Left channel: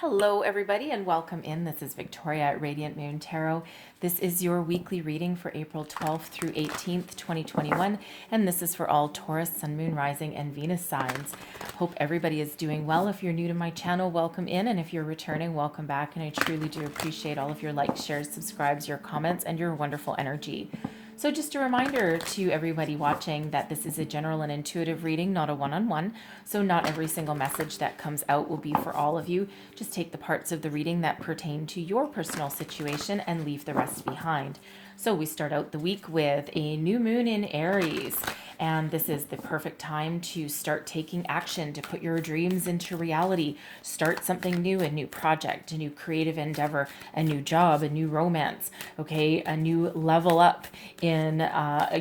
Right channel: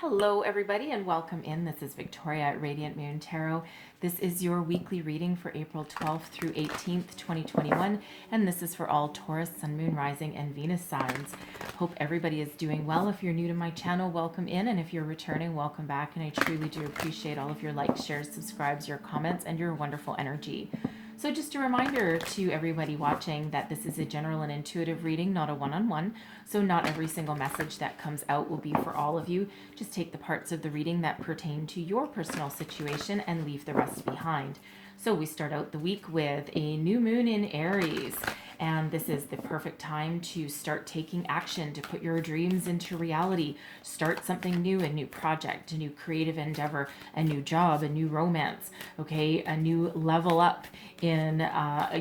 Hello, everybody, and welcome in. This is Victoria at Radiant Moon Tarot. This is your weekly reading for April 12th through 18th, 2021, and this is for all Taurus, Sun, Moon, Rising, and Venus signs. Hope everybody is doing well. If you're new to my channel, welcome in, and if you're returning, welcome back, and I truly do appreciate all of your likes, shares, subscribes, your comments, and your wonderful energy. So just a reminder to everybody watching that this is a general and intuitive reading, not a one-on-one. So not every single message that comes out will be for all of you. Just take the parts of the reading that pertain to your personal situation and leave the rest behind. So we start out the week with a new moon in Aries, and this is the perfect time to start taking action, to put your dreams into reality, start something new, a new project, a new creative endeavor, a new job, a new romance, okay, a new level up in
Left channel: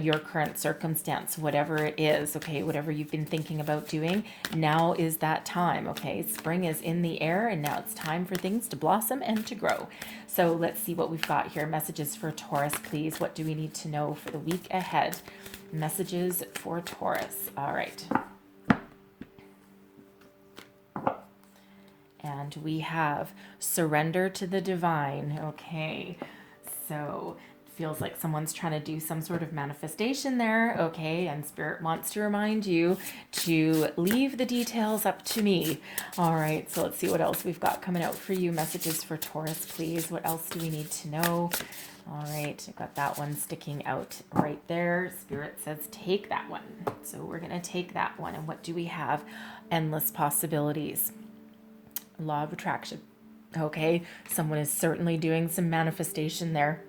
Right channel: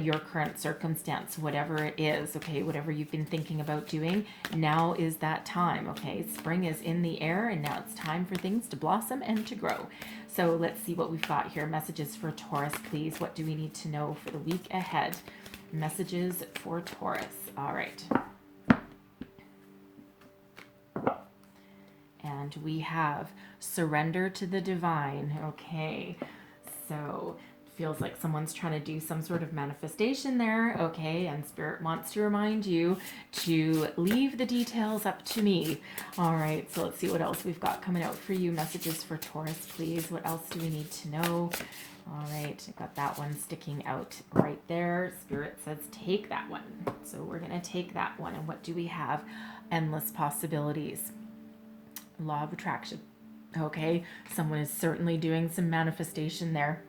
your current circumstance, whatever it is, okay, whatever you've been thinking about doing, now is that time, okay? Spring is in the air, and now it's time for things to blossom and to grow. So let's see what we've got here. Messages for Taurus, please. What do we need to know for the week ahead? Messages for Taurus. All right. And we have surrender to the divine. Okay. So feels like someone's trying to do some sort of manifestation there, okay, and Spirit wants to remind you to leave the details up to me. All right, so let's see what else we've got coming out for you. Messages for Taurus, please. What else do we need to know? All right, I've got that one sticking out right there. Spirit says take that one. So we're going to take that one. And what do we have? Endless possibilities. Law of attraction. Okay, someone is certainly doing some manifestation there.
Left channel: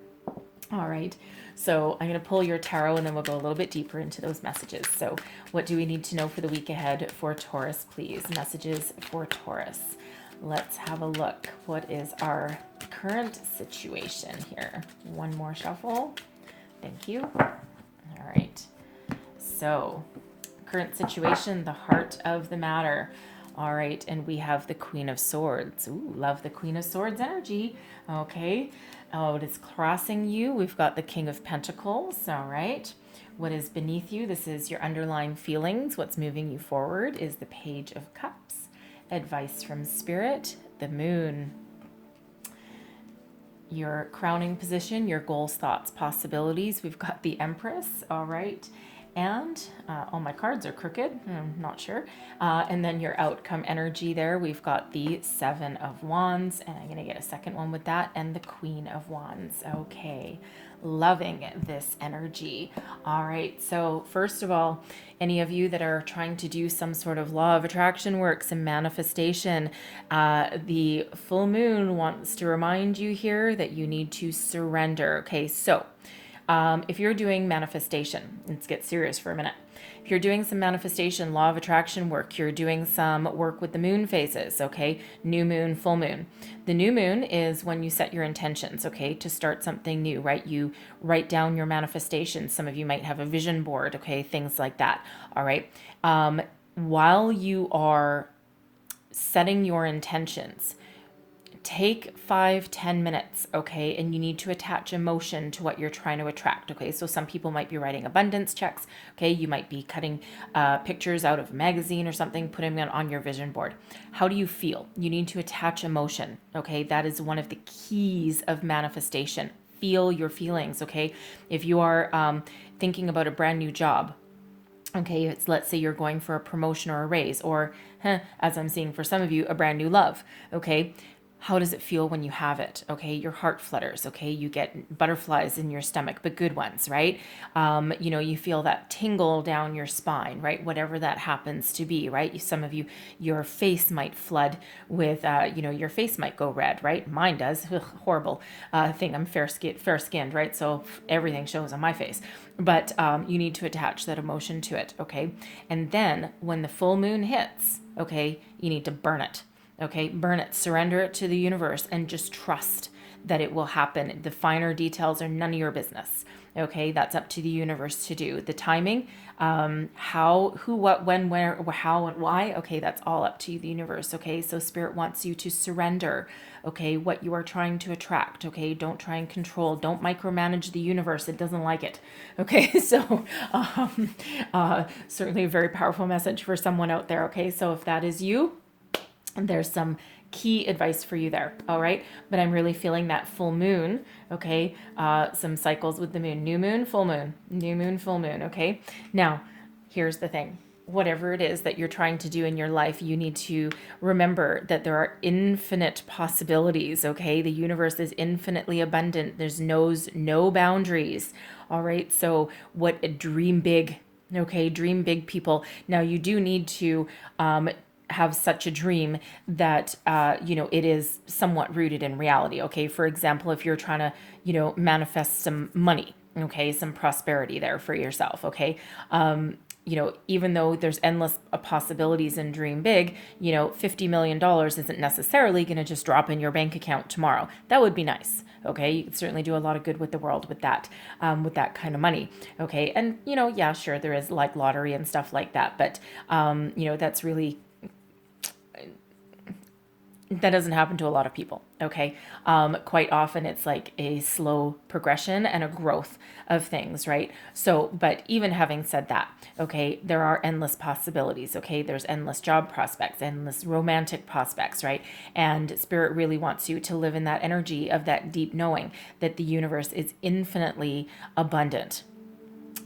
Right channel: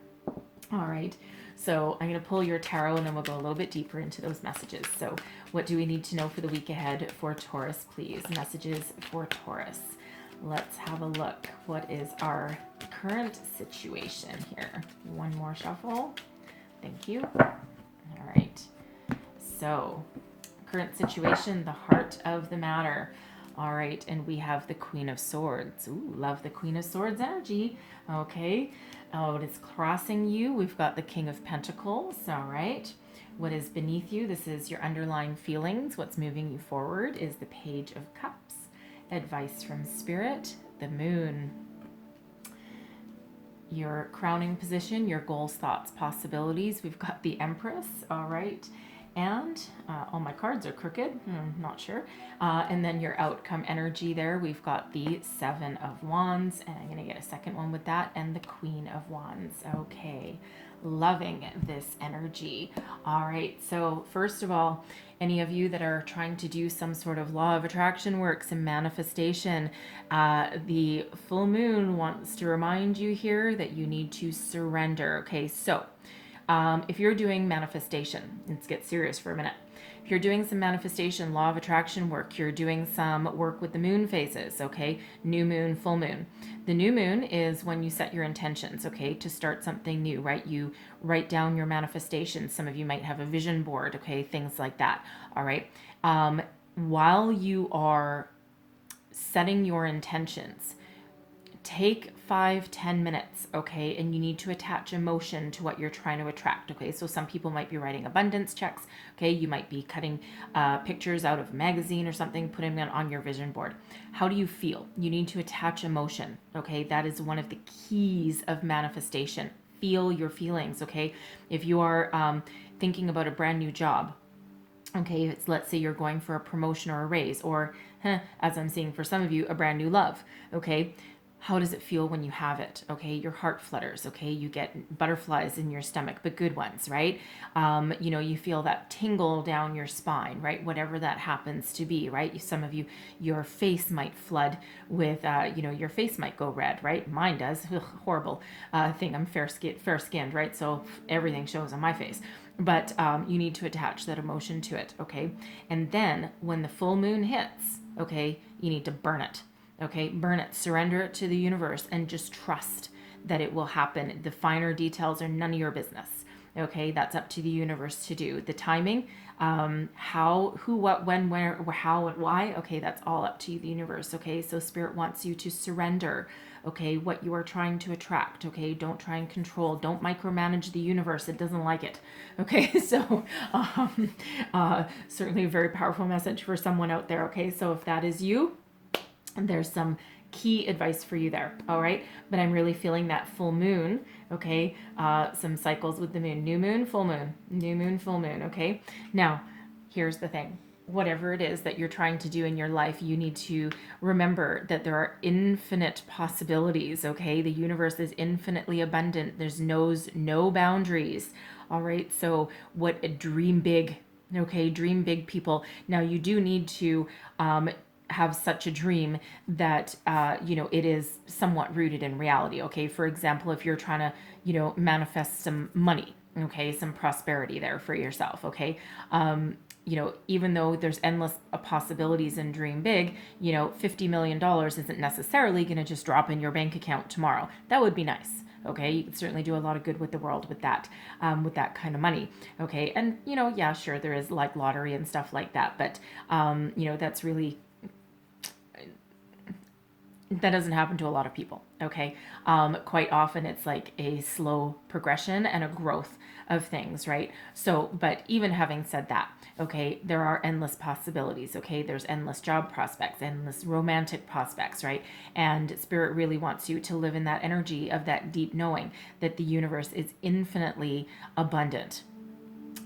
All right, so I'm going to pull your tarot and then we'll go a little bit deeper into those messages. So what do we need to know for the week ahead for Taurus, please? Messages for Taurus. Let's have a look. What is our current situation here? One more shuffle. Thank you. All right, so current situation, the heart of the matter. All right, and we have the Queen of Swords. Ooh, love the Queen of Swords energy. Okay. Oh, it is crossing you. We've got the King of Pentacles. All right. What is beneath you? This is your underlying feelings. What's moving you forward is the Page of Cups. Advice from Spirit, the Moon. Your crowning position, your goals, thoughts, possibilities. We've got the Empress. All right. And all my cards are crooked. Not sure. And then your outcome energy there. We've got the Seven of Wands. And I'm going to get a second one with that. And the Queen of Wands. Okay. Loving this energy. All right. So first of all, any of you that are trying to do some sort of law of attraction work, some manifestation, the full moon wants to remind you here that you need to surrender. Okay. So if you're doing manifestation, let's get serious for a minute. If you're doing some manifestation, law of attraction work, you're doing some work with the moon phases, okay? New moon, full moon. The new moon is when you set your intentions, okay, to start something new, right? You write down your manifestations. Some of you might have a vision board, okay, things like that, all right? While you are setting your intentions, take 5-10 minutes, okay, and you need to attach emotion to what you're trying to attract, okay? So some people might be writing abundance checks, okay? You might be cutting pictures out of a magazine or something, putting them on your vision board. How do you feel? You need to attach emotion, okay? That is one of the keys of manifestation. Feel your feelings, okay? If you are thinking about a brand new job, okay, it's, let's say you're going for a promotion or a raise, or as I'm seeing for some of you, a brand new love, okay? How does it feel when you have it? Okay, your heart flutters. Okay, you get butterflies in your stomach, but good ones, right? You feel that tingle down your spine, right? Whatever that happens to be, right? Some of you, your face might flood with, your face might go red, right? Mine does. Ugh, horrible thing. I'm fair-skinned, right? So everything shows on my face. But you need to attach that emotion to it, okay? And then when the full moon hits, okay, you need to burn it. Okay, burn it, surrender it to the universe, and just trust that it will happen. The finer details are none of your business. Okay, that's up to the universe to do. The timing, how, who, what, when, where, how, and why, okay, that's all up to the universe. Okay, so Spirit wants you to surrender, okay, what you are trying to attract. Okay, don't try and control, don't micromanage the universe. It doesn't like it. Okay, so certainly a very powerful message for someone out there. Okay, so if that is you, there's some key advice for you there. All right. But I'm really feeling that full moon. Okay. Some cycles with the moon, new moon, full moon, new moon, full moon. Okay. Now, here's the thing. Whatever it is that you're trying to do in your life, you need to remember that there are infinite possibilities. Okay. The universe is infinitely abundant. There's no boundaries. All right. So dream big. Okay. Dream big, people. Now you do need to, have such a dream that it is somewhat rooted in reality. Okay, for example, if you're trying to manifest some money, okay, some prosperity there for yourself. Okay, even though there's endless possibilities in dream big, $50 million isn't necessarily going to just drop in your bank account tomorrow. That would be nice. Okay, you can certainly do a lot of good with the world with that kind of money. Okay, and yeah, sure, there is like lottery and stuff like that, but that's really, that doesn't happen to a lot of people. Okay, quite often it's like a slow progression and a growth of things, right? So, but even having said that, okay, there are endless possibilities. Okay, there's endless job prospects, endless romantic prospects, right? And spirit really wants you to live in that energy of that deep knowing that the universe is infinitely abundant.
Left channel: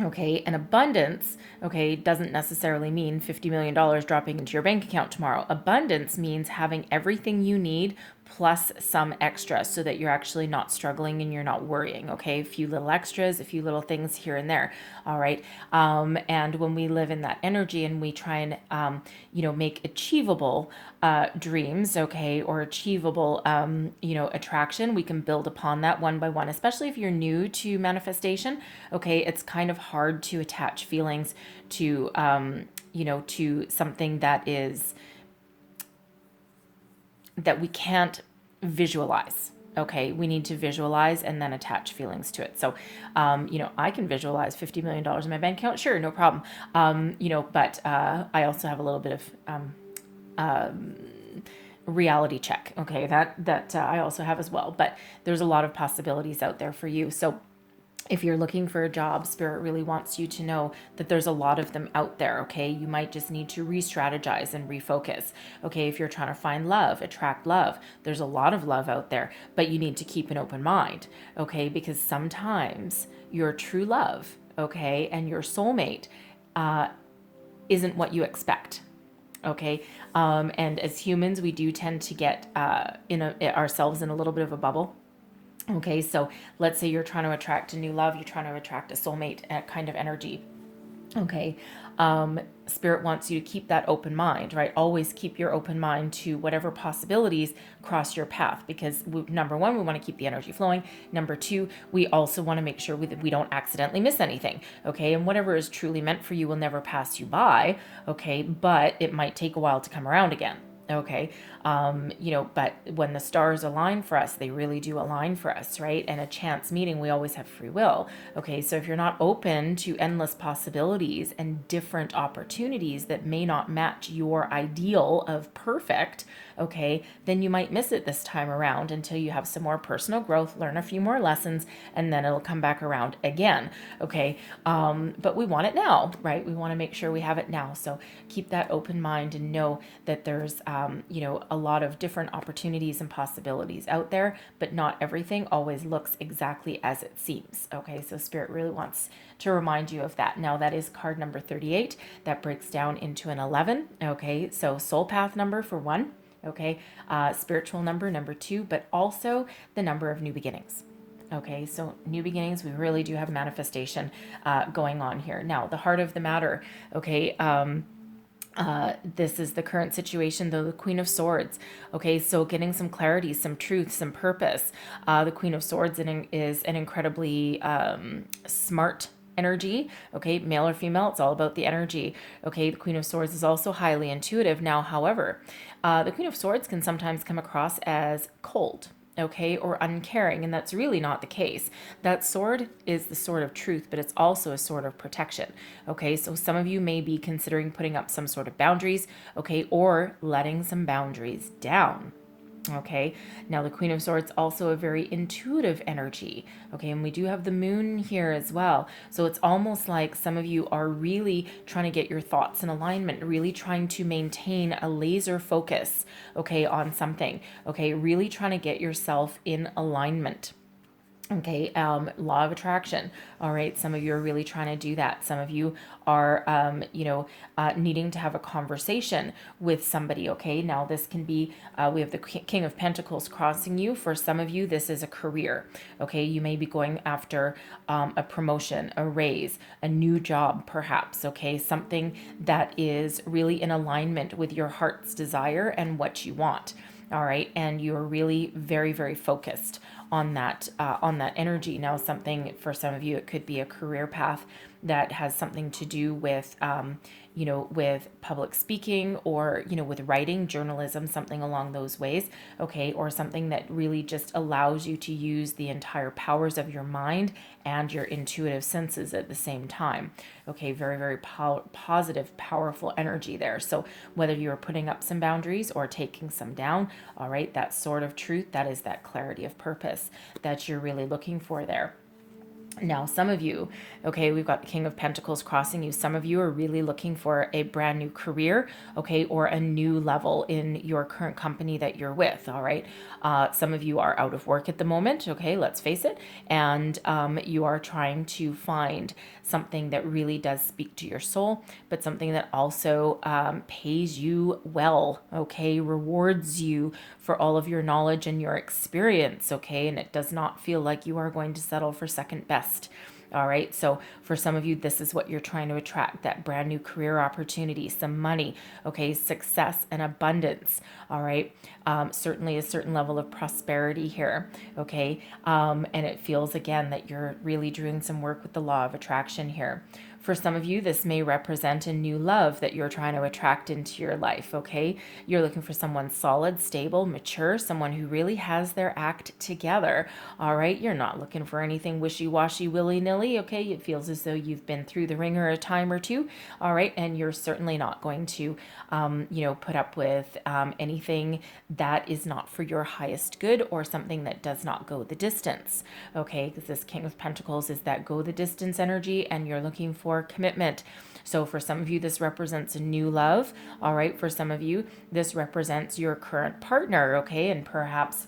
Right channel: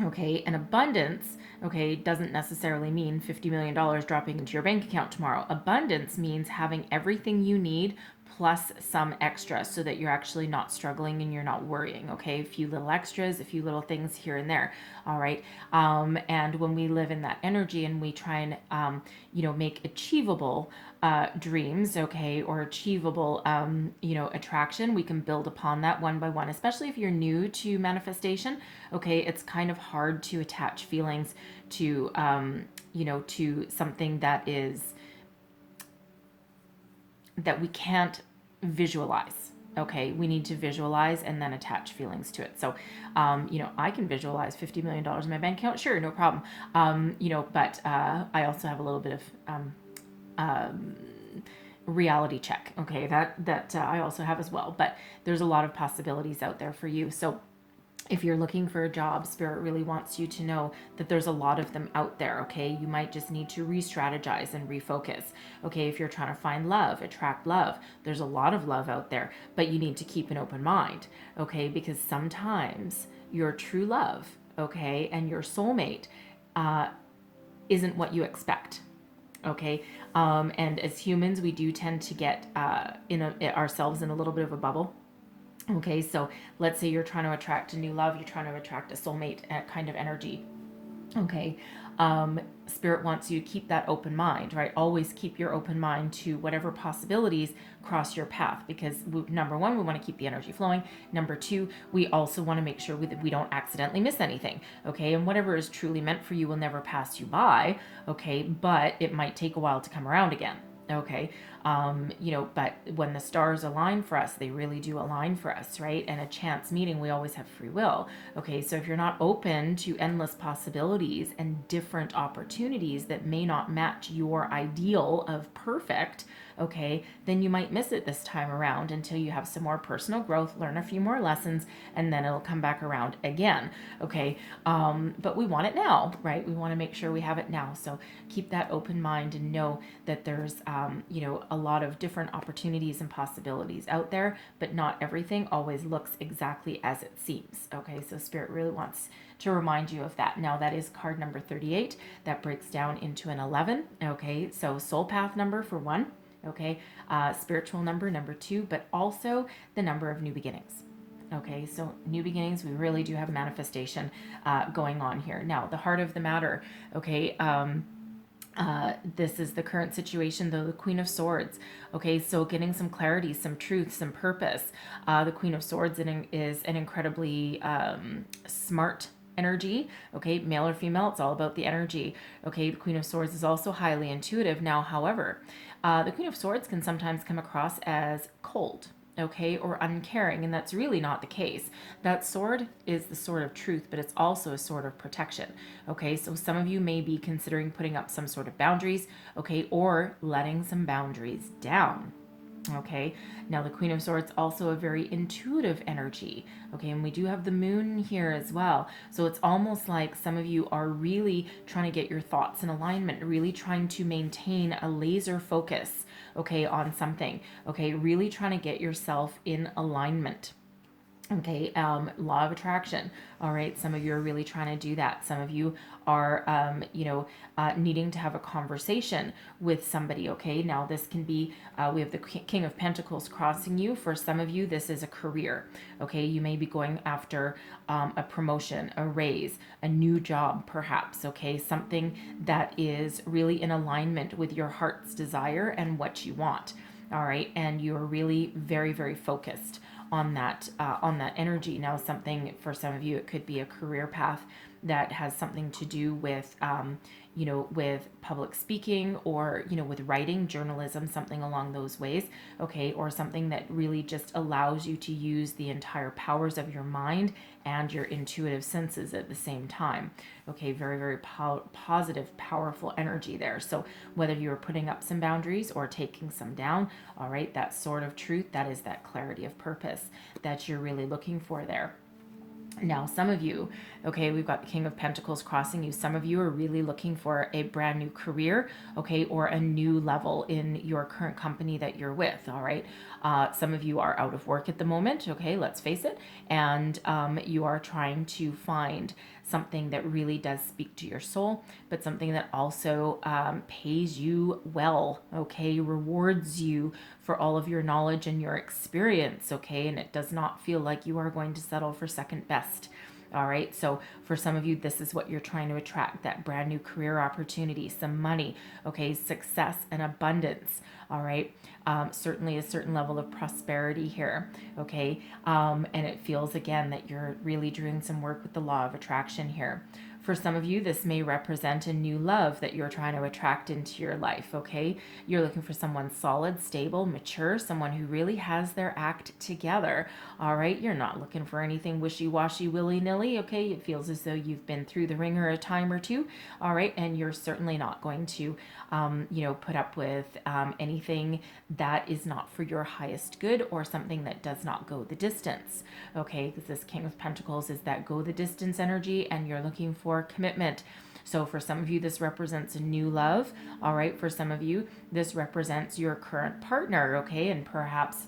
Okay, and abundance, okay, doesn't necessarily mean $50 million dropping into your bank account tomorrow. Abundance means having everything you need plus some extra so that you're actually not struggling and you're not worrying. Okay, a few little extras, a few little things here and there. All right, and when we live in that energy and we try and make achievable dreams, okay, or achievable attraction, we can build upon that one by one. Especially if you're new to manifestation, okay, it's kind of hard to attach feelings to to something that we can't visualize. Okay, we need to visualize and then attach feelings to it. So, I can visualize $50 million in my bank account. Sure, no problem. But I also have a little bit of reality check. Okay, that I also have as well. But there's a lot of possibilities out there for you. So if you're looking for a job, spirit really wants you to know that there's a lot of them out there. Okay, you might just need to re-strategize and refocus. Okay, if you're trying to find love, attract love, there's a lot of love out there, but you need to keep an open mind. Okay, because sometimes your true love, okay, and your soulmate isn't what you expect. Okay, and as humans, we do tend to get ourselves in a little bit of a bubble. Okay, so let's say you're trying to attract a new love, you're trying to attract a soulmate kind of energy. Okay, spirit wants you to keep that open mind, right? Always keep your open mind to whatever possibilities cross your path, because number one, we want to keep the energy flowing. Number two, we also want to make sure we don't accidentally miss anything. Okay, and whatever is truly meant for you will never pass you by. Okay, but it might take a while to come around again. Okay, but when the stars align for us, they really do align for us, right? And a chance meeting, we always have free will. Okay, so if you're not open to endless possibilities and different opportunities that may not match your ideal of perfect, okay, then you might miss it this time around until you have some more personal growth, learn a few more lessons, and then it'll come back around again. Okay, but we want it now, right? We want to make sure we have it now. So keep that open mind and know that there's a lot of different opportunities and possibilities out there, but not everything always looks exactly as it seems. Okay, so spirit really wants to remind you of that. Now that is card number 38. That breaks down into an 11. Okay, so soul path number for 1. Okay, spiritual number 2, but also the number of new beginnings. Okay, so new beginnings, we really do have manifestation going on here. Now, the heart of the matter, okay, this is the current situation, though, the Queen of Swords. Okay, so getting some clarity, some truth, some purpose. The Queen of Swords is an incredibly smart energy. Okay, male or female, it's all about the energy. Okay, the Queen of Swords is also highly intuitive. Now, however, the Queen of Swords can sometimes come across as cold, okay, or uncaring, and that's really not the case. That sword is the sword of truth, but it's also a sword of protection. Okay, so some of you may be considering putting up some sort of boundaries, okay, or letting some boundaries down. Okay, now the Queen of Swords also a very intuitive energy. Okay, and we do have the moon here as well. So it's almost like some of you are really trying to get your thoughts in alignment, really trying to maintain a laser focus, okay, on something. Okay, really trying to get yourself in alignment. Okay, law of attraction. All right, some of you are really trying to do that. Some of you are, needing to have a conversation with somebody. Okay, now this can be, we have the King of Pentacles crossing you. For some of you, this is a career. Okay, you may be going after a promotion, a raise, a new job, perhaps. Okay, something that is really in alignment with your heart's desire and what you want. All right, and you're really very, very focused on that energy. Now, something for some of you, it could be a career path that has something to do with with public speaking, or with writing, journalism, something along those ways. Okay, or something that really just allows you to use the entire powers of your mind and your intuitive senses at the same time. Okay, very, very positive, powerful energy there. So whether you are putting up some boundaries or taking some down, all right, that sort of truth, that is that clarity of purpose that you're really looking for there. Now, some of you, okay, we've got the King of Pentacles crossing you. Some of you are really looking for a brand new career, okay, or a new level in your current company that you're with, all right? Some of you are out of work at the moment, okay, let's face it, and you are trying to find something that really does speak to your soul, but something that also pays you well, okay, rewards you for all of your knowledge and your experience, okay, and it does not feel like you are going to settle for second best. All right. So for some of you, this is what you're trying to attract, that brand new career opportunity, some money, okay, success and abundance. All right. Certainly a certain level of prosperity here. Okay. And it feels again that you're really doing some work with the law of attraction here. For some of you, this may represent a new love that you're trying to attract into your life, okay? You're looking for someone solid, stable, mature, someone who really has their act together, all right? You're not looking for anything wishy-washy, willy-nilly, okay? It feels as though you've been through the ringer a time or two, all right? And you're certainly not going to, put up with anything that is not for your highest good, or something that does not go the distance, okay? Because this King of Pentacles is that go the distance energy, and you're looking for commitment. So for some of you, this represents a new love. All right. For some of you, this represents your current partner. Okay. And perhaps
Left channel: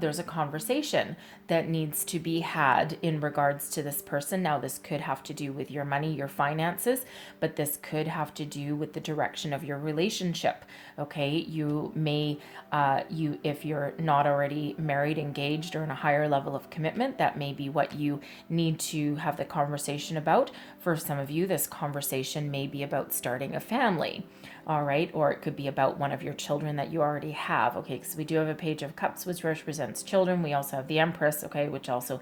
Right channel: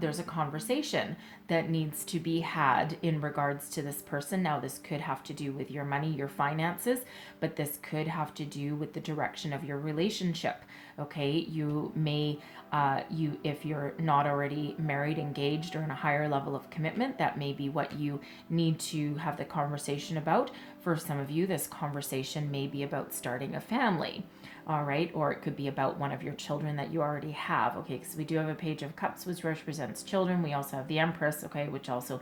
there's a conversation that needs to be had in regards to this person. Now, this could have to do with your money, your finances, but this could have to do with the direction of your relationship. Okay, you may, if you're not already married, engaged, or in a higher level of commitment, that may be what you need to have the conversation about. For some of you, this conversation may be about starting a family. All right, or it could be about one of your children that you already have. Okay, because we do have a Page of Cups, which represents children. We also have the Empress, okay, which also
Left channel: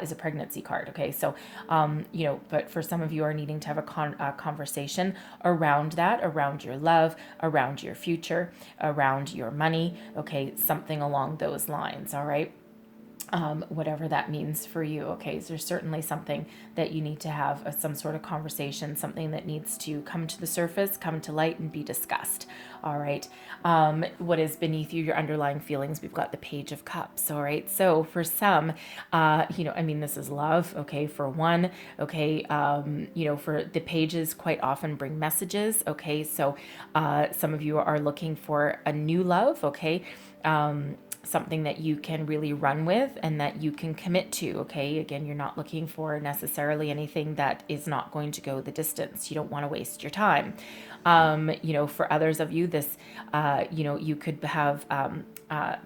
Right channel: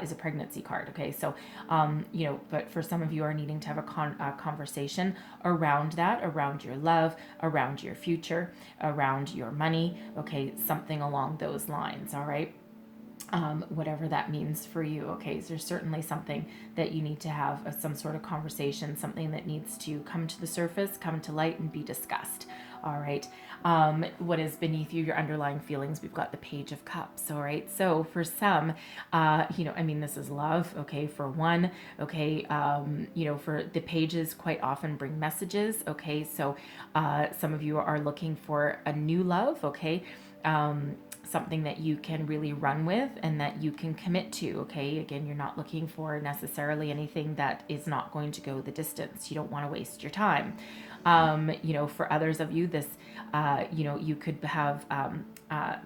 is a pregnancy card. Okay, so but for some of you are needing to have a conversation around that, around your love, around your future, around your money. Okay, something along those lines. All right. Whatever that means for you. Okay, so there's certainly something that you need to have some sort of conversation, something that needs to come to the surface, come to light, and be discussed. All right. What is beneath you, your underlying feelings? We've got the Page of Cups. All right. So for some, this is love. Okay. For one, okay. For the pages quite often bring messages. Okay. So some of you are looking for a new love. Okay. Something that you can really run with and that you can commit to. Okay, again, you're not looking for necessarily anything that is not going to go the distance. You don't want to waste your time. For others of you, this you could have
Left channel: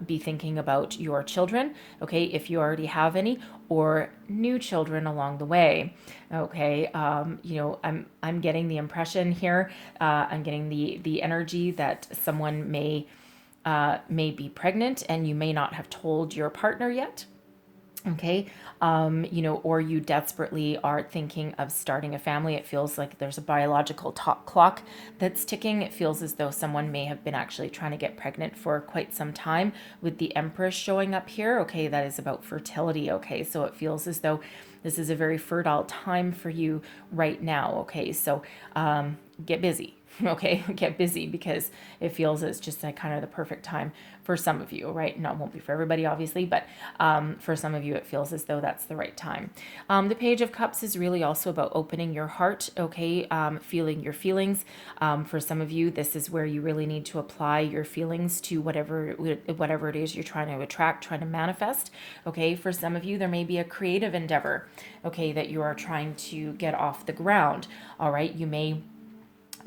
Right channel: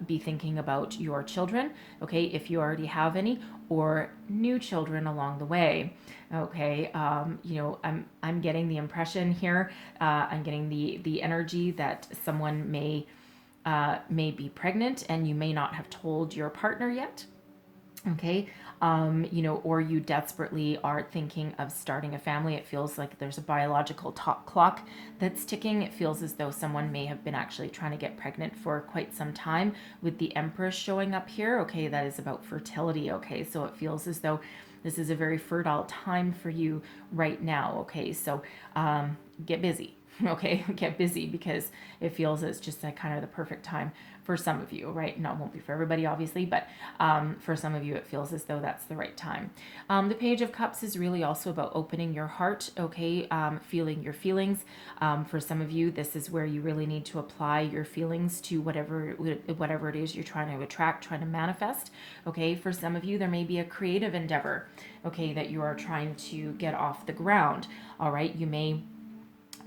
be thinking about your children, okay, if you already have any, or new children along the way. Okay, I'm getting the impression here, I'm getting the energy that someone may be pregnant, and you may not have told your partner yet. Okay. Or you desperately are thinking of starting a family. It feels like there's a biological clock that's ticking. It feels as though someone may have been actually trying to get pregnant for quite some time, with the Empress showing up here. Okay, that is about fertility. Okay, so it feels as though this is a very fertile time for you right now. Okay, so get busy. okay? Get busy, because it feels it's just like kind of the perfect time for some of you, right? No, it won't be for everybody, obviously, but for some of you, it feels as though that's the right time. The Page of Cups is really also about opening your heart, okay? Feeling your feelings. For some of you, this is where you really need to apply your feelings to whatever it is you're trying to attract, trying to manifest, okay? For some of you, there may be a creative endeavor, okay, that you are trying to get off the ground, all right? You may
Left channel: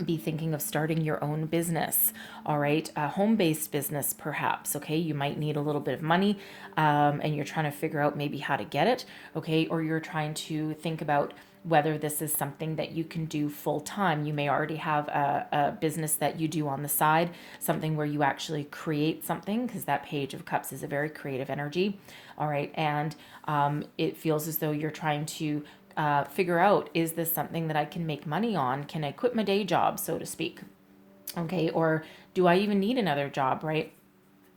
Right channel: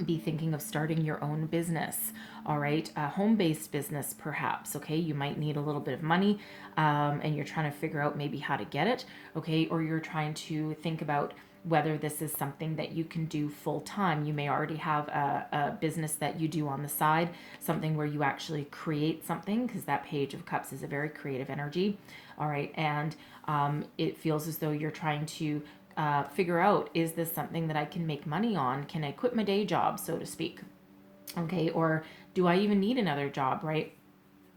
be thinking of starting your own business, all right, a home-based business perhaps, okay? You might need a little bit of money, and you're trying to figure out maybe how to get it, okay? Or you're trying to think about whether this is something that you can do full time. You may already have a business that you do on the side, something where you actually create something, because that Page of Cups is a very creative energy, all right? And it feels as though you're trying to figure out, is this something that I can make money on? Can I quit my day job, so to speak? Okay, or do I even need another job, right?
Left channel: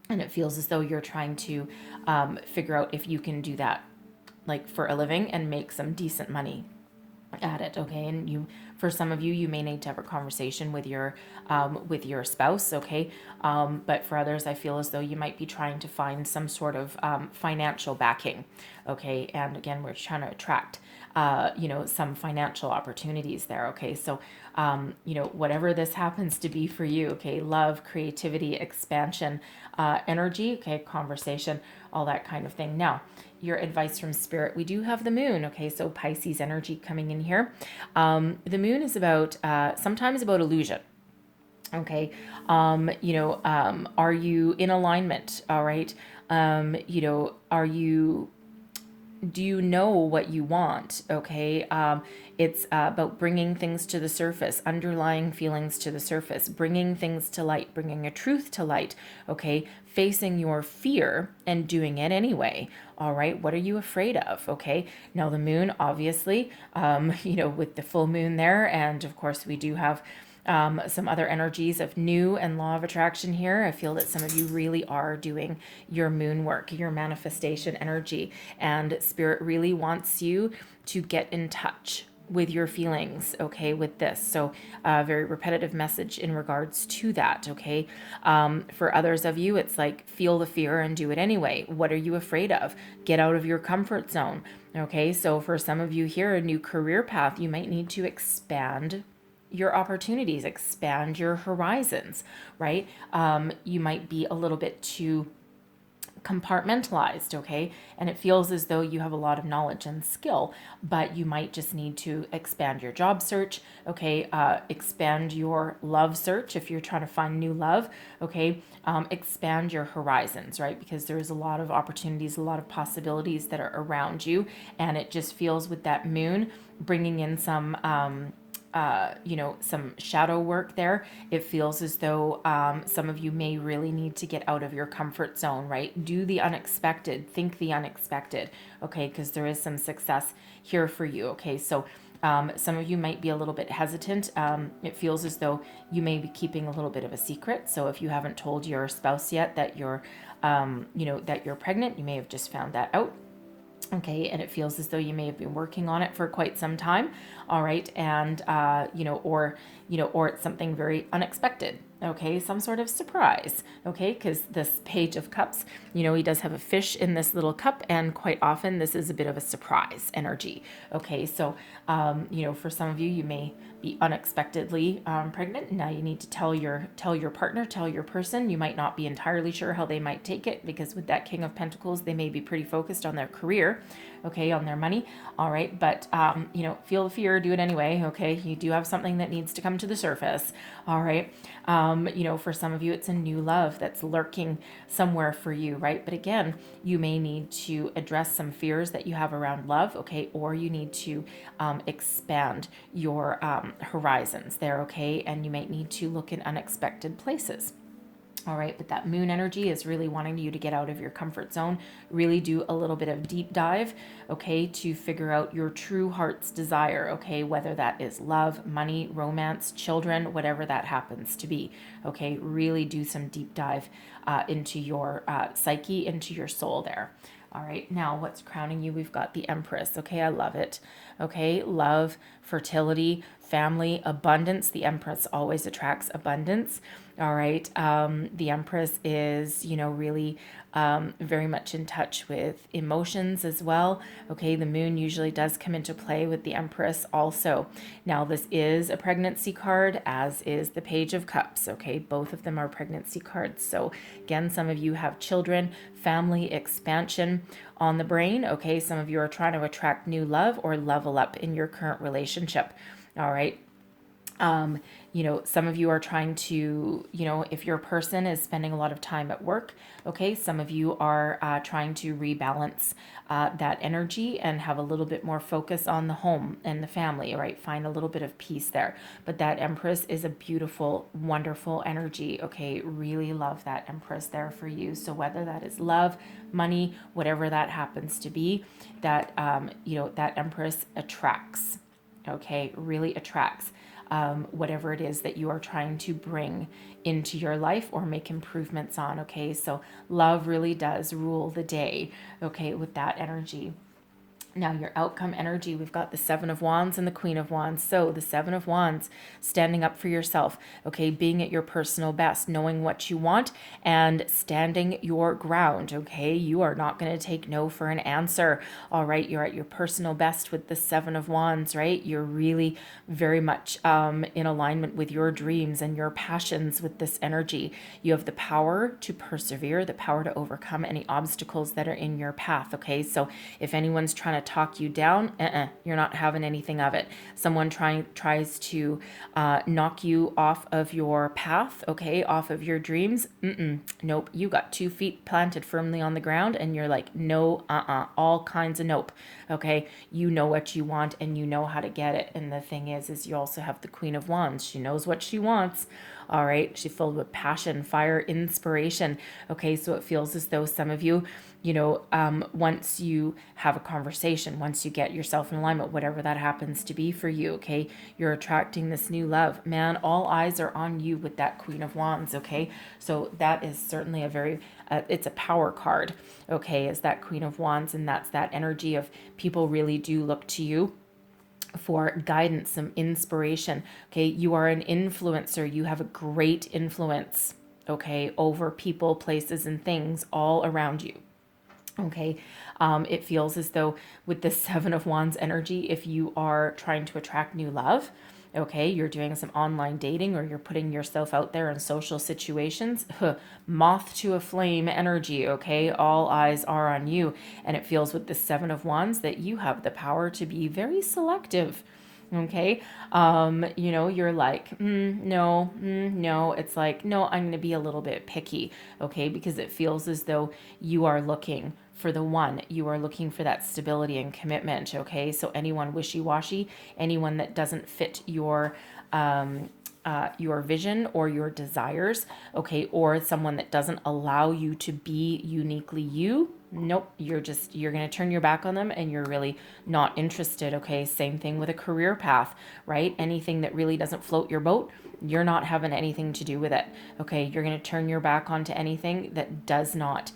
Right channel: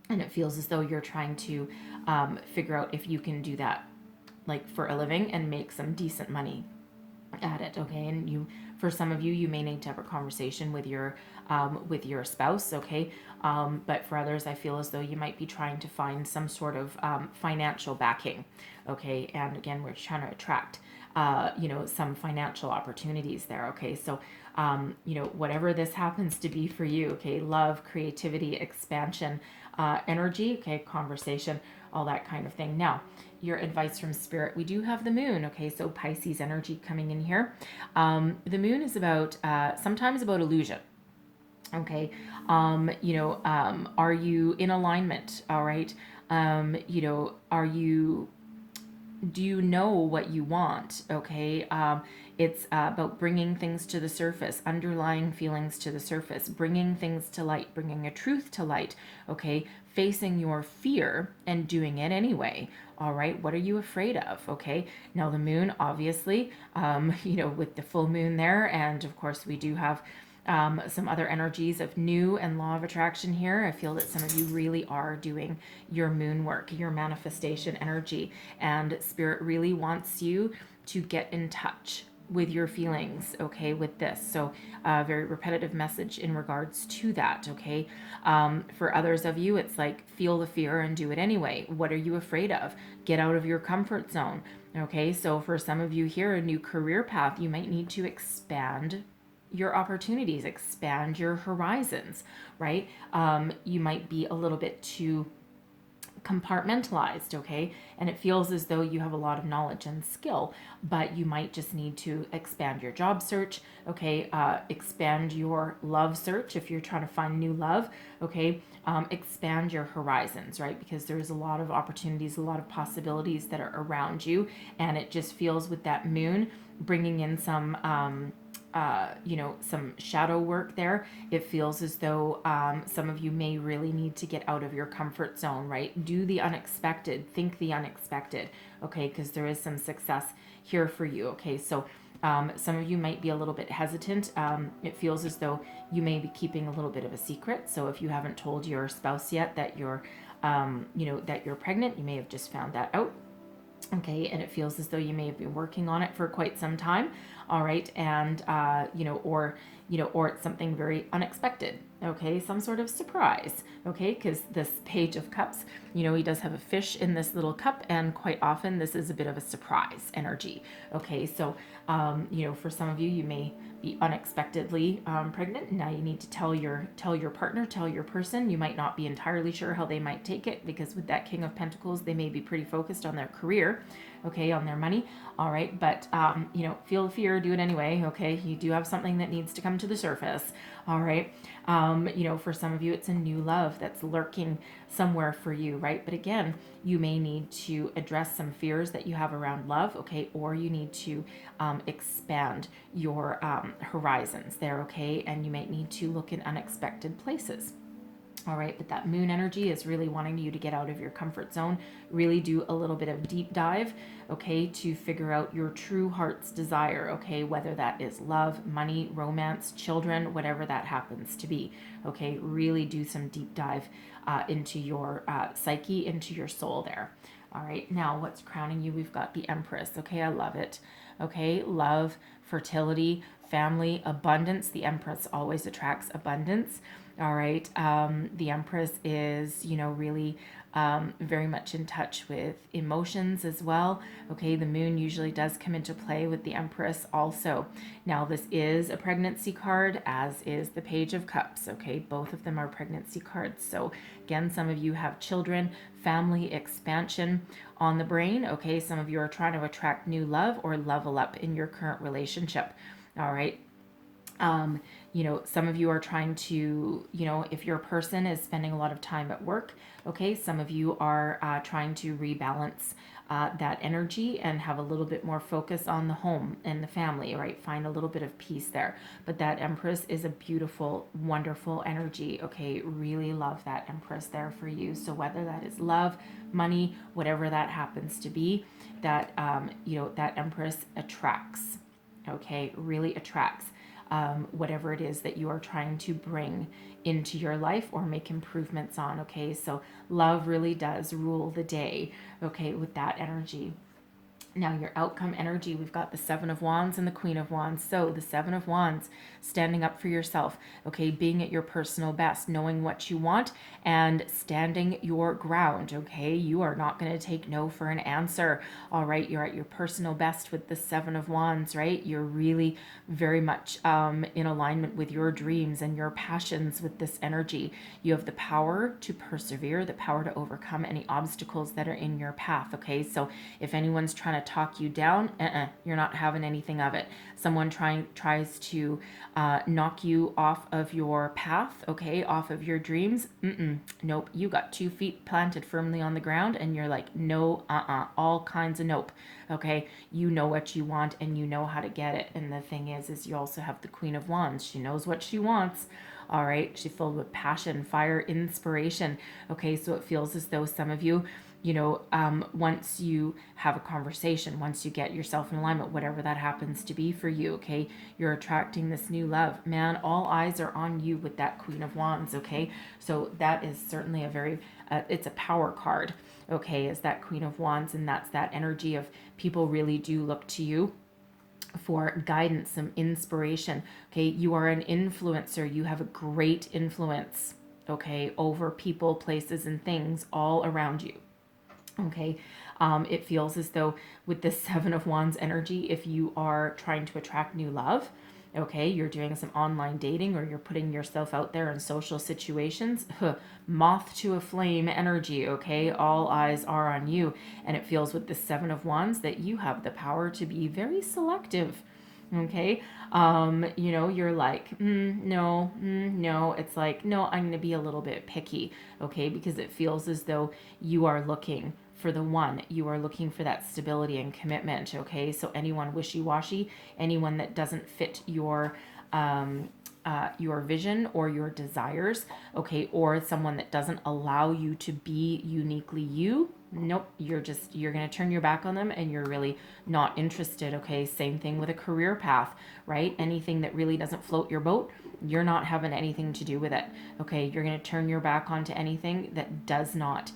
And it feels as though you're trying to figure out if you can do that, like for a living, and make some decent money at it, okay? And you, for some of you, you may need to have a conversation with your spouse, okay? But for others, I feel as though you might be trying to find some sort of financial backing, okay? And again, we're trying to attract some financial opportunities there, okay? So whatever this happens to be for you, okay? Love, creativity, expansion, energy, okay? Conversation, all that kind of thing. Now, your advice from Spirit, we do have the moon, okay? So Pisces energy coming in here. The moon is about, sometimes about illusion, okay? Are you in alignment, all right? Do you know what you want, okay? It's about bringing things to the surface, underlying feelings to the surface, bringing things to light, bringing a truth to light, okay? Facing your fear and doing it anyway, all right? What are you afraid of, okay? Now, the moon, obviously, with the full moon there, and of course, we do have some other energies of new and law of attraction here. I feel that some of you really are doing your moon work, your manifestation energy, and Spirit really wants you to get in touch with your feelings, okay, with this. So very repetitive message in regards to that, okay? For others of you, it's like, feel the fear and do it anyway. What are you afraid of? Get out of your comfort zone, okay? So for some of you here, a new career path, you might need to expand your opportunities, expand your horizons, right? You might be a little bit too compartmentalized, okay? And it feels as though you have a lot of knowledge and skill, but you might just need to expand your job search, okay? Expand your love search if you're trying to find new love, okay? Expand your horizons, right? Because there's a lot of opportunities, a lot of possibilities that are around you, and it just feels with that moon bringing in some some shadow work there. It feels as though some of you may really need to get out of your comfort zone, right? Do the unexpected, think the unexpected, okay? Because there is some success here for you, okay? So some of you might be a little bit hesitant. It feels as though you may be keeping a little bit of a secret. So if you haven't told your spouse yet that you're, that you're pregnant, you may have just found that out. Okay, and it feels as though you may have been working on it for quite some time, all right, and or it's something very unexpected, okay, some sort of surprise, okay, because this Page of Cups, he does have a fish in this little cup, and quite often this is a bit of a surprise energy, okay, so for some of you, you may be unexpectedly pregnant. Now you need to tell your partner, tell your person. You might not be entirely sure how they might take it, because with that King of Pentacles, they may be pretty focused on their career, okay, on their money, all right, but feel the fear, do it anyway, okay? You do have something that needs to come to the surface, all right? For some of you, it's a new love that's lurking somewhere for you, right? But again, you may need to address some fears that you have around love, okay? Or you need to expand your horizons there, okay? And you might need to look in unexpected places. All right, but that moon energy is really wanting you to get out of your comfort zone, really do a little bit of deep dive, okay, to figure out your true heart's desire, okay, whether that is love, money, romance, children, whatever that happens to be, okay, really do some deep dive into your psyche, into your soul there. All right, now what's crowning you? We've got the Empress, okay, I love it, okay, love, fertility, family, abundance. The Empress always attracts abundance. All right. The Empress is, really very much in touch with emotions as well. Okay. The moon usually does come into play with the Empress also. Now, this is a pregnancy card, as is the Page of Cups. Okay. Both of them are pregnancy cards. So, again, some of you have children, family expansion on the brain. Okay. Some of you are trying to attract new love or level up in your current relationship. All right. Some of you are trying to, if your person is spending a lot of time at work, okay, some of you are trying to rebalance that energy and have a little bit more focus on the home and the family, right? Find a little bit of peace there. But that Empress is a beautiful, wonderful energy, okay? Really love that Empress there for you. So whether that is love, money, whatever that happens to be, that, that Empress attracts, okay? Really attracts. Whatever it is that you are trying to bring into your life or make improvements on. Okay, so love really does rule the day, okay, with that energy. Now, your outcome energy, we've got the Seven of Wands and the Queen of Wands. So the Seven of Wands, standing up for yourself, okay, being at your personal best, knowing what you want and standing your ground, okay? You are not going to take no for an answer, all right? You're at your personal best with the Seven of Wands, right? You're really very much in alignment with your dreams and your passions with this energy. You have the power to persevere, the power to overcome any obstacles that are in your path, okay? So if anyone's trying to talk you down, you're not having anything of it. Someone tries to knock you off of your path, okay, off of your dreams. Nope. You got 2 feet planted firmly on the ground and you're like, no, all kinds of nope. Okay, you know what you want and you know how to get it. And the thing is you also have the Queen of Wands. She knows what she wants. All right, she's filled with passion, fire, inspiration. Okay, so it feels as though some of you, once you have a conversation, once you get yourself in alignment, whatever that happens to be for you, okay, you're attracting this new love. Man, all eyes are on you with that Queen of Wands, okay? So that is certainly a very, it's a power card, okay, is that Queen of Wands, and that's that energy of people really do look to you for guidance, some inspiration, okay? You are an influencer. You have a great influence, okay, over people, places, and things all around you. Okay, it feels as though with this Seven of Wands energy, if you are trying to attract new love, okay, you're doing some online dating or you're putting yourself out there in social situations, moth to a flame energy, okay, all eyes are on you. And it feels with the Seven of Wands that you have the power to be very selective. Okay, you're like, no, it's like, no, I'm going to be a little bit picky, okay, because it feels as though you are looking for the one, you are looking for that stability and commitment, okay, so anyone wishy-washy, anyone that doesn't fit your vision or your desires, okay, or someone that doesn't allow you to be uniquely you, nope, you're going to turn your back on them and you're really not interested, okay? Same thing with a career path, right? Anything that really doesn't float your boat, you're not having anything to do with it, okay? You're going to turn your back onto anything that does not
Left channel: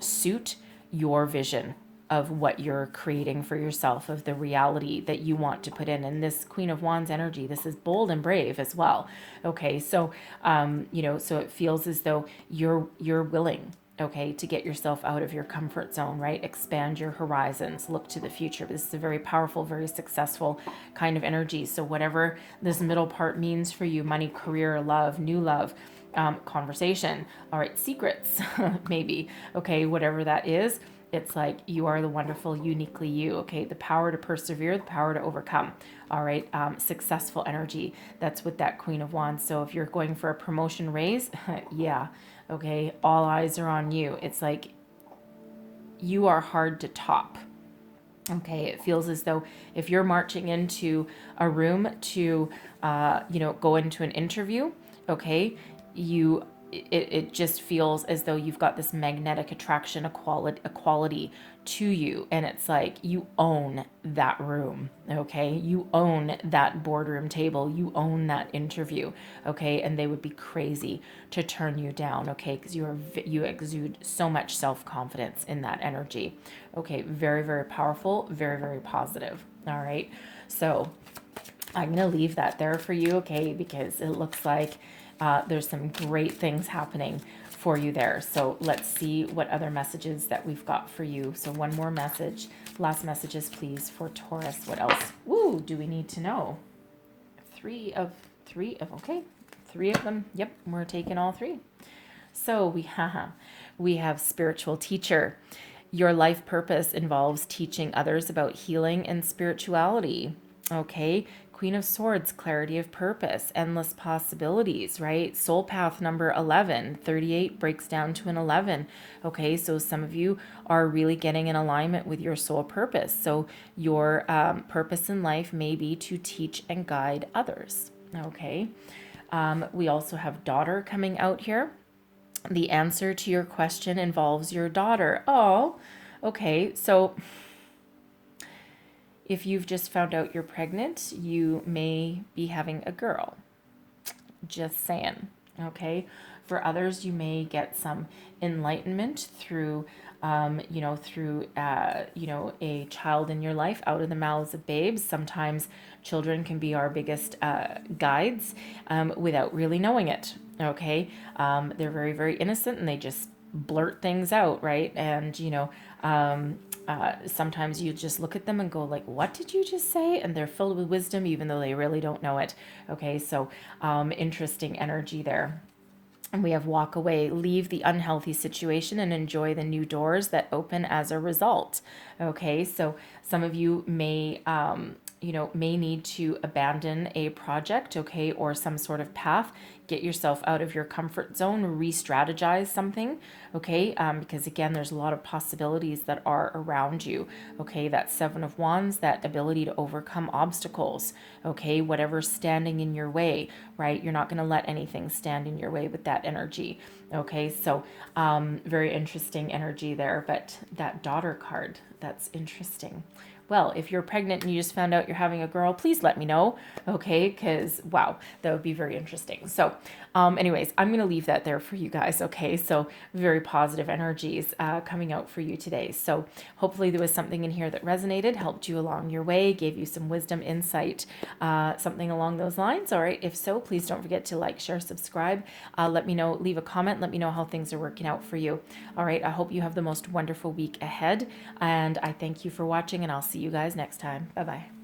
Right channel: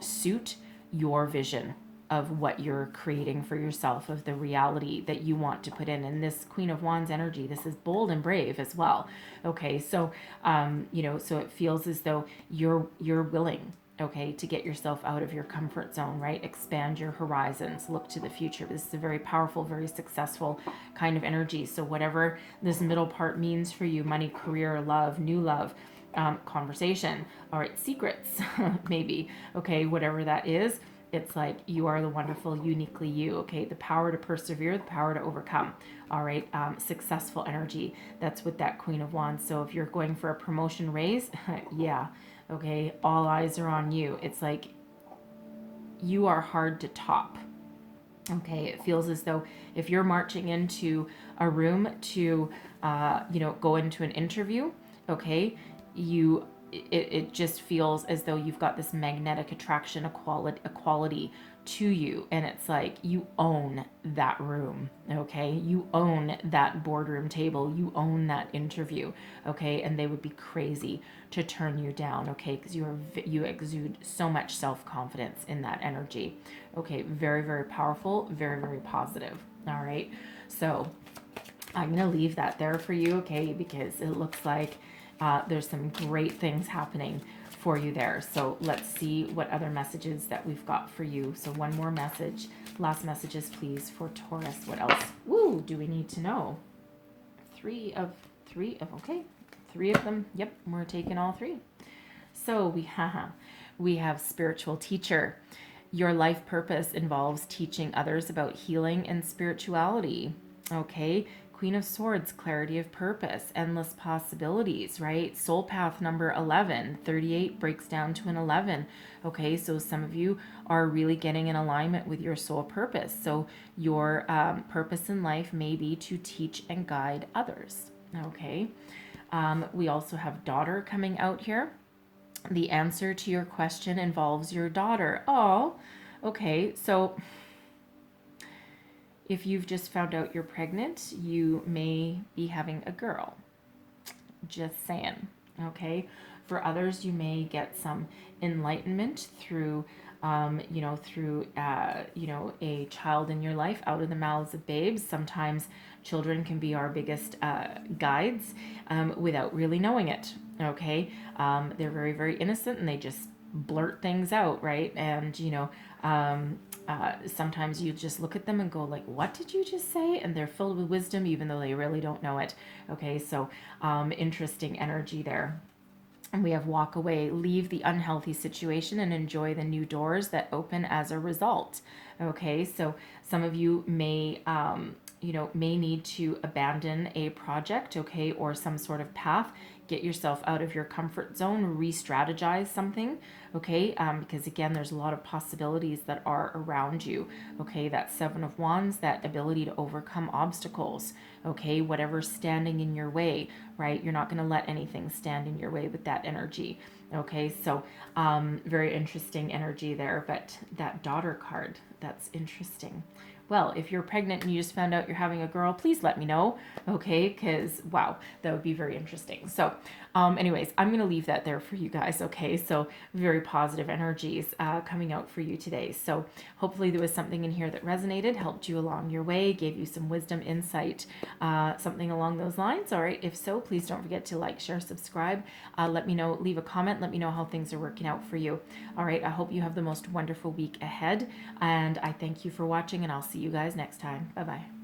suit your vision of what you're creating for yourself, of the reality that you want to put in. And this Queen of Wands energy, this is bold and brave as well. Okay, so so it feels as though you're willing, okay, to get yourself out of your comfort zone, right? Expand your horizons, look to the future. This is a very powerful, very successful kind of energy. So whatever this middle part means for you, money, career, love, new love, conversation, all right, secrets, maybe, okay, whatever that is, it's like you are the wonderful, uniquely you, okay? The power to persevere, the power to overcome, all right? Successful energy, that's with that Queen of Wands. So if you're going for a promotion raise, yeah, okay, all eyes are on you. It's like you are hard to top, okay? It feels as though if you're marching into a room to, go into an interview, okay, it just feels as though you've got this magnetic attraction, equality to you, and it's like you own that room, okay, you own that boardroom table, you own that interview, okay, and they would be crazy to turn you down, okay, because you exude so much self-confidence in that energy, okay, very, very powerful, very, very positive. All right, so I'm going to leave that there for you, okay, because it looks like there's some great things happening for you there. So let's see what other messages that we've got for you. So one more message. Last messages, please, for Taurus. What else? Woo, do we need to know? Three of, okay. Three of them. Yep, we're taking all three. So we have spiritual teacher. Your life purpose involves teaching others about healing and spirituality. Okay. Queen of Swords, clarity of purpose, endless possibilities, right? Soul path number 11, 38 breaks down to an 11. Okay, so some of you are really getting in alignment with your soul purpose. So your purpose in life may be to teach and guide others. Okay, we also have daughter coming out here. The answer to your question involves your daughter. Oh, okay, so if you've just found out you're pregnant, you may be having a girl. Just saying, okay? For others, you may get some enlightenment through, a child in your life out of the mouths of babes. Sometimes children can be our biggest guides without really knowing it, okay? They're very, very innocent and they just blurt things out, right? And, sometimes you just look at them and go like, what did you just say? And they're filled with wisdom even though they really don't know it. Okay, so interesting energy there. And we have walk away, leave the unhealthy situation and enjoy the new doors that open as a result. Okay, so some of you may may need to abandon a project, okay, or some sort of path. Get yourself out of your comfort zone, re-strategize something, okay, because again, there's a lot of possibilities that are around you, okay. That Seven of Wands, that ability to overcome obstacles, okay, whatever's standing in your way, right? You're not going to let anything stand in your way with that energy, okay. So very interesting energy there. But that daughter card, that's interesting. Well, if you're pregnant and you just found out you're having a girl, please let me know, okay? Because, wow, that would be very interesting. So, anyways, I'm going to leave that there for you guys, okay? So, very positive energies coming out for you today. So, hopefully there was something in here that resonated, helped you along your way, gave you some wisdom, insight, something along those lines. All right, if so, please don't forget to like, share, subscribe. Let me know, leave a comment, let me know how things are working out for you. All right, I hope you have the most wonderful week ahead, and I thank you for watching, and I'll see you guys next time. Bye-bye.